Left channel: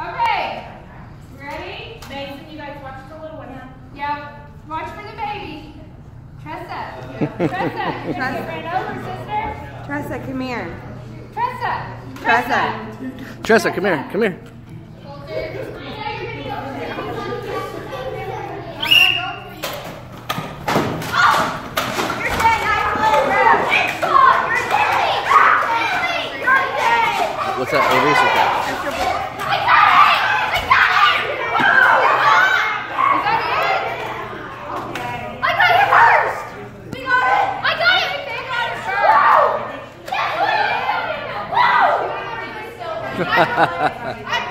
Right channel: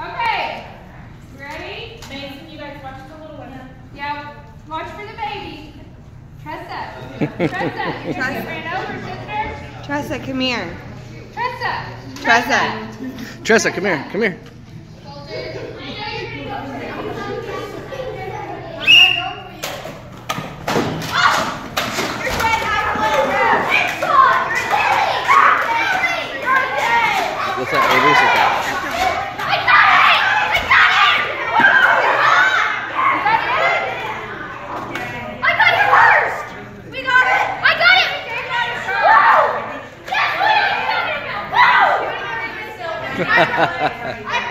Okay. You ready? Mason, you guys watch the little one. Yeah. Watch for the baby. Tressa. Tressa. You're going to get ran over, sister. Tressa, come here. Tressa. Tressa. Tressa, come here. Come here. What's that eraser cap? I got it! I got it! I got it first! We got it! I got it! Woo! Yes, we got it! Woo!